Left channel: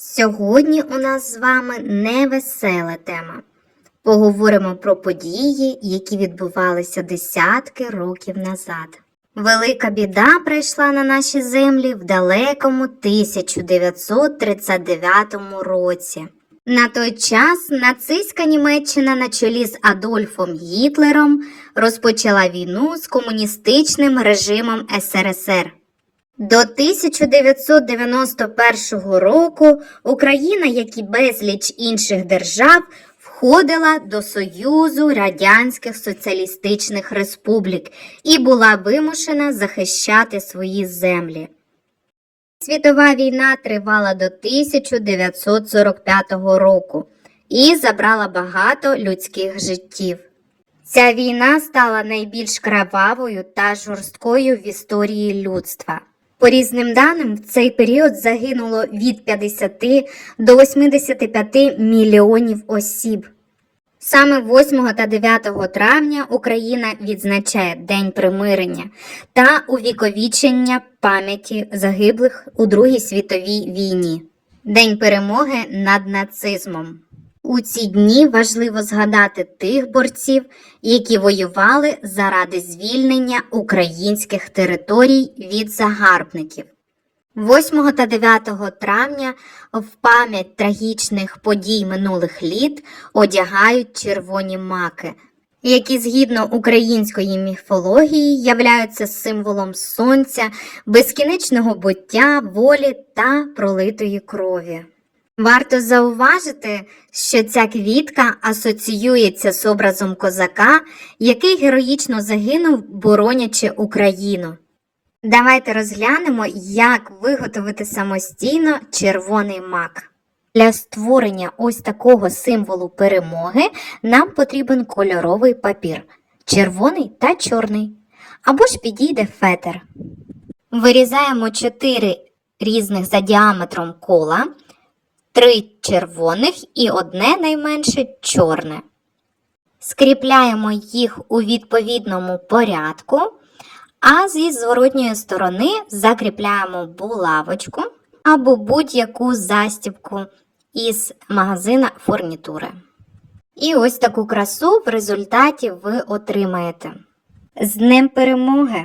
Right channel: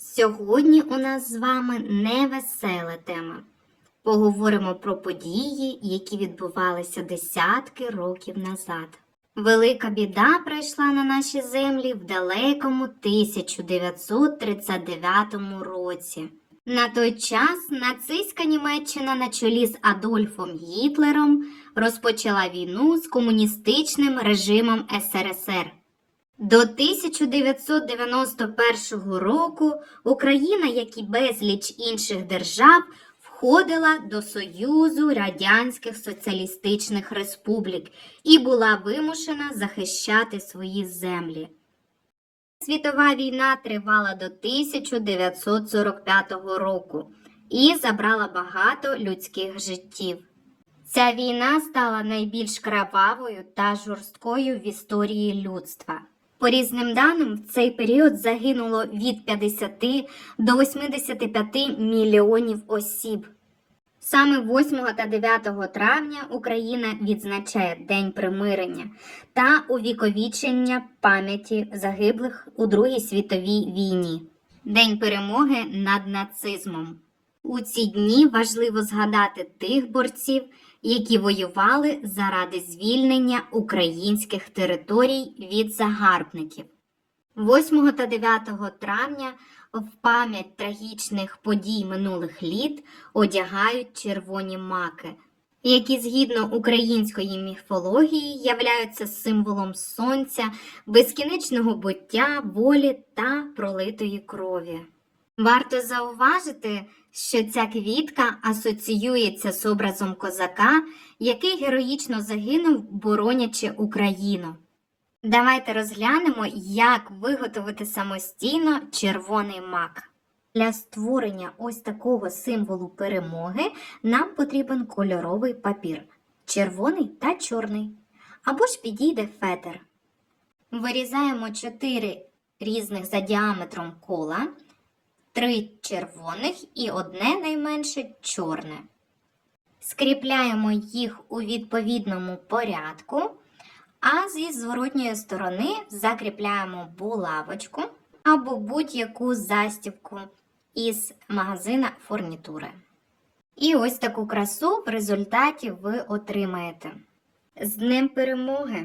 Сьогодні у нас з вами невесела тема. Поговоримо про події, які відбувалися десятки років назад. Велика біда прийшла на наші землі в далекому 1939 році. На той час нацистська Німеччина на чолі з Адольфом Гітлером розпочала війну з комуністичним режимом СРСР. До 1991 року Україна, як і безліч інших держав, входила до Союзу Радянських Соціалістичних Республік і була вимушена захищати свої землі. Світова війна тривала до 1945 року і забрала багато людських життів. Ця війна стала найбільш кровавою та жорсткою в історії людства. По різним даним, в цей період загинуло від 50 до 85 мільйонів осіб. Саме 8 та 9 травня Україна відзначає День примирення та увіковічення пам'яті загиблих у Другій світовій війні, День перемоги над нацизмом. У ці дні важливо згадати тих борців, які воювали заради звільнення українських територій від загарбників. 8 та 9 травня в пам'ять трагічних подій минулих літ одягають червоні маки, які згідно української міфології являються символом сонця, безкінечного буття, волі та пролитої крові. Варто зауважити, що ця квітка асоціюється з образом козака, який героїчно загинув, боронячи Україну. Давайте розглянемо, як виготовити самостійно червоний мак. Для створення ось такого символу перемоги нам потрібен кольоровий папір червоний та чорний. Або ж підійде фетр. Вирізаємо 4 різних за діаметром кола, 3 червоних і одне найменше чорне. Скріпляємо їх у відповідному порядку. А зі зворотньої сторони закріпляємо булавочку або будь-яку застібку із магазина фурнітури. І ось таку красу в результаті ви отримаєте. З Днем перемоги!